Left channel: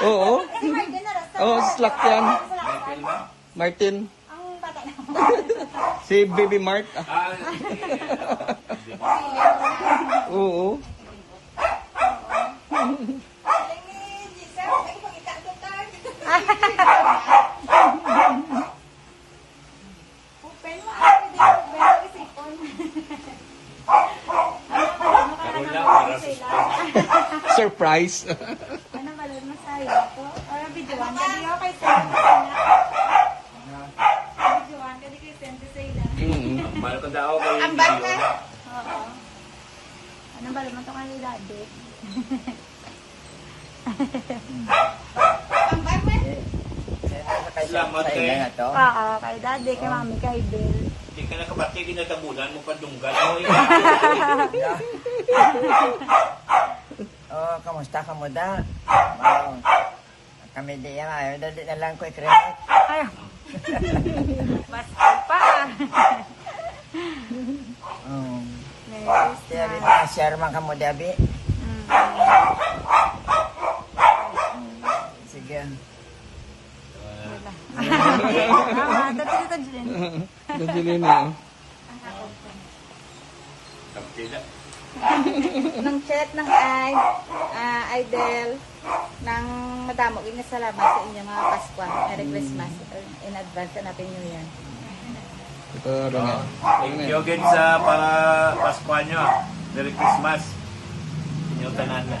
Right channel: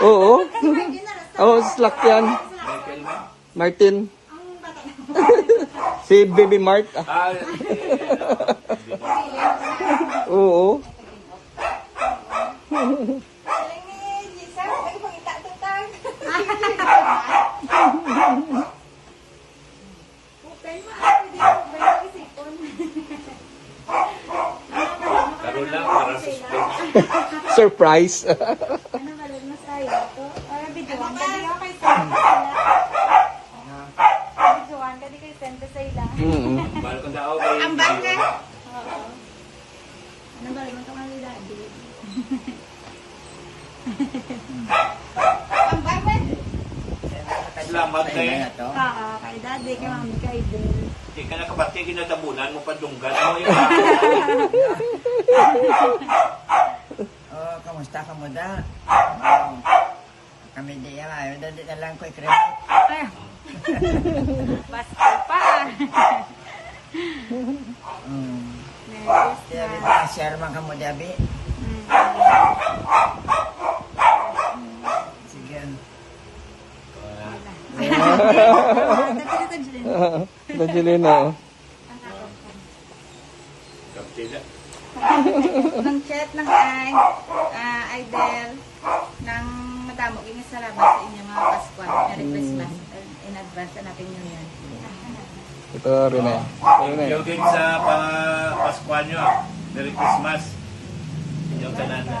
Oo. Si Martin na rasa. Oo, slack yan. Martin. Ang bata na. Si Baby Mart. Oo. Open mo. Pwede mo. May isipon. Karoon lang para suspense. Surprise. Ano ba lang masaya to? Para videoan ka di kay Santa. Videoan ka di kay Santa sa ilang. Mahal ko daw kay Ang bangka. Oo. Ano ba naman itong ano daddy? Ang bangka. Salamat sa kay. ila na to. Oo, kay daddy, kay mami, kay Bel. Hindi ka nakabati, kinatabunan mo pa dunggan mo yung Oh, kamusta ka mo da? Oh, kami di yan, ayaw dali na lang ko i-credit. Ay. Basta pa. Di abi pa, share man ka mo di abi. Sige. Nabili na. Nang chat ng Idel ng madamo nga salamat sa inyo mga Pasko. Merry Christmas in advance na natin nyo yan. Ito, Rona. Thank you again sa mga Pasko nyo. Merry Christmas. Inyong tanan na.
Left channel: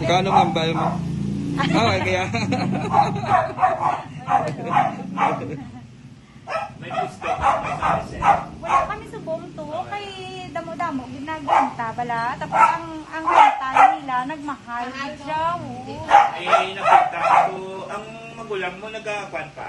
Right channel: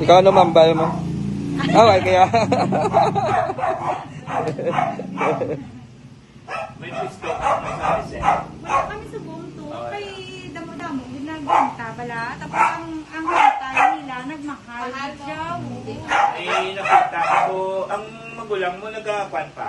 Ikaw naman, bayo mo. Oh, ito yan. May gusto. May sabi Wala kami sa bumto kay damo-damo ginaganta bala tapos ang kanta nila nagmahal siya. Eh, nakita ko, ang magulang mo nagkapan pa.